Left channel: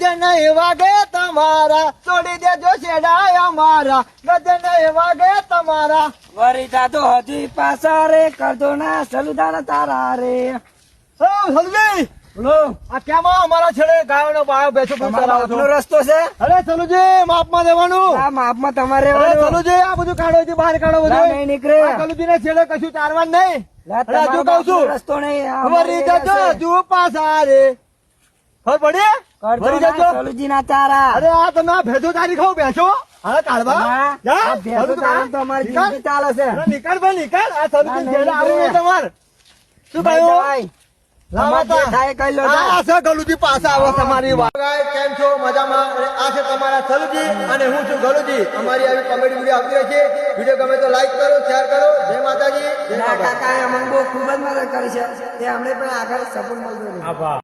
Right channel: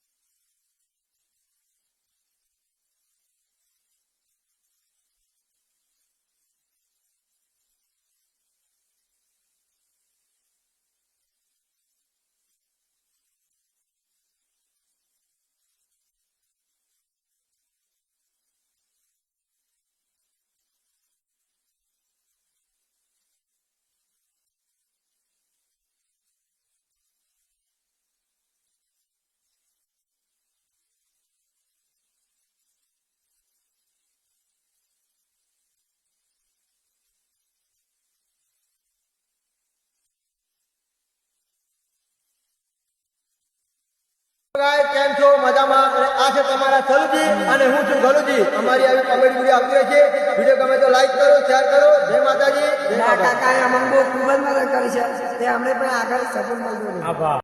ગજન વાગે તમારા છોડી દેજો છેડાય અમારા ગજન વાગે તમારા વરિતા તો હજી પાછા રે કરજો ના સલુદાના તારા રે સલુજી બોલો આ કેમાં અમારા છેડે ગાયોનો બાયો બેસો તમારો આપનો રસ્તો છે અરે સલુજી માપમાં દેવાનું આ માપમાં તમારે અરે સલુજી આ બધું કાઢો છે બહાર કાઢો બધું નહીં નીકળે સલુજી ને છેડે કશું ચારવાનું નહીં અરે હજુ કહું છું રસ્તો નહીં વરી જજો હજુ પાછા રે ખબર પડી વરી જજો સલુજી ના તારા અરે આ તમે આ ભેજો તારી ખાવ બેસો હા કાઢવા જા ભેંસો તારા તો અમારી જિંદગી ચાલે છે અરે નીકળ ભાઈ નીકળ આ સલુજી છેડે આવું તમાર શું કહ્યું કેમ છો મજામાં આ છે તમારા સલુજી અને હું છું ગલુજી અમારી આવી કોમેડી વિડીયો આવતી રહે છે વિડીયો ગમે તો લાઈક કરો શેર કરો જય માતાજી જય કાકા એ અમને બહુ ખૂબ જ મદદ કરી છે તે અમને પણ આગળ સપોર્ટ મળતો રહે